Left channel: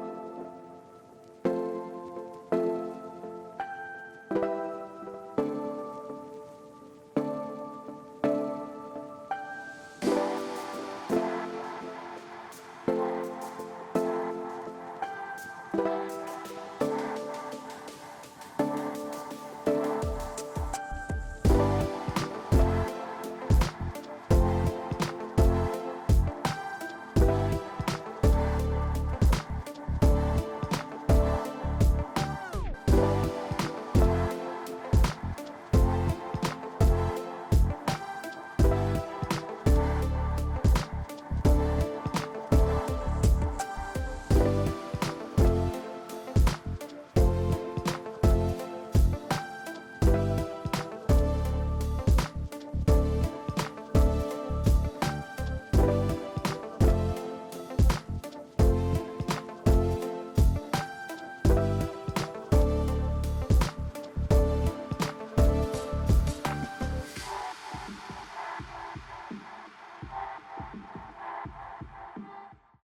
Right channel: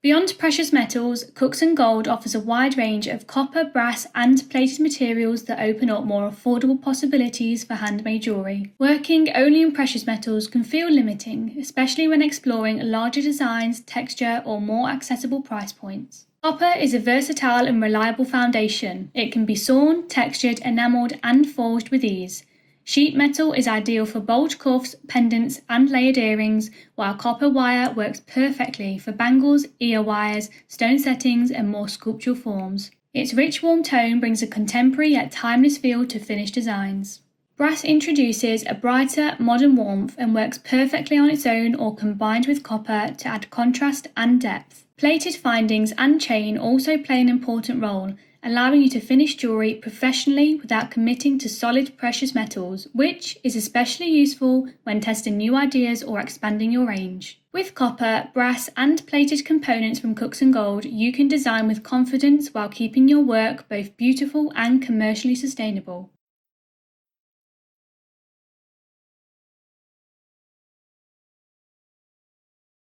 Beyond precious metals, Cooksongold offers a wide range of copper, brass, and plated materials that open up more affordable possibilities for handmade jewellery. Working only in precious metals can feel limiting, especially when exploring larger designs, texture, or more accessible price points. Copper is a versatile and reliable foundation. It can be sawn, textured, enamelled, and forged with ease. Sheet metal is ideal for bulge cuffs, pendants, and layered earrings, while copper wire works perfectly for bangles, ear wires, stone settings, and more sculptural forms. Its rich warm tone brings a contemporary yet timeless feel to finished designs. Brass introduces a brighter, modern warmth and works perfectly on its own or combined with copper to add contrast and depth. Plated findings and chain also play an important role, allowing you to finish jewellery professionally without committing to solid precious metals, which is especially useful when testing new ideas or expanding your range. With copper, brass, and plated components from Cooksongold, you can design with confidence while keeping your work both beautiful and commercially sustainable.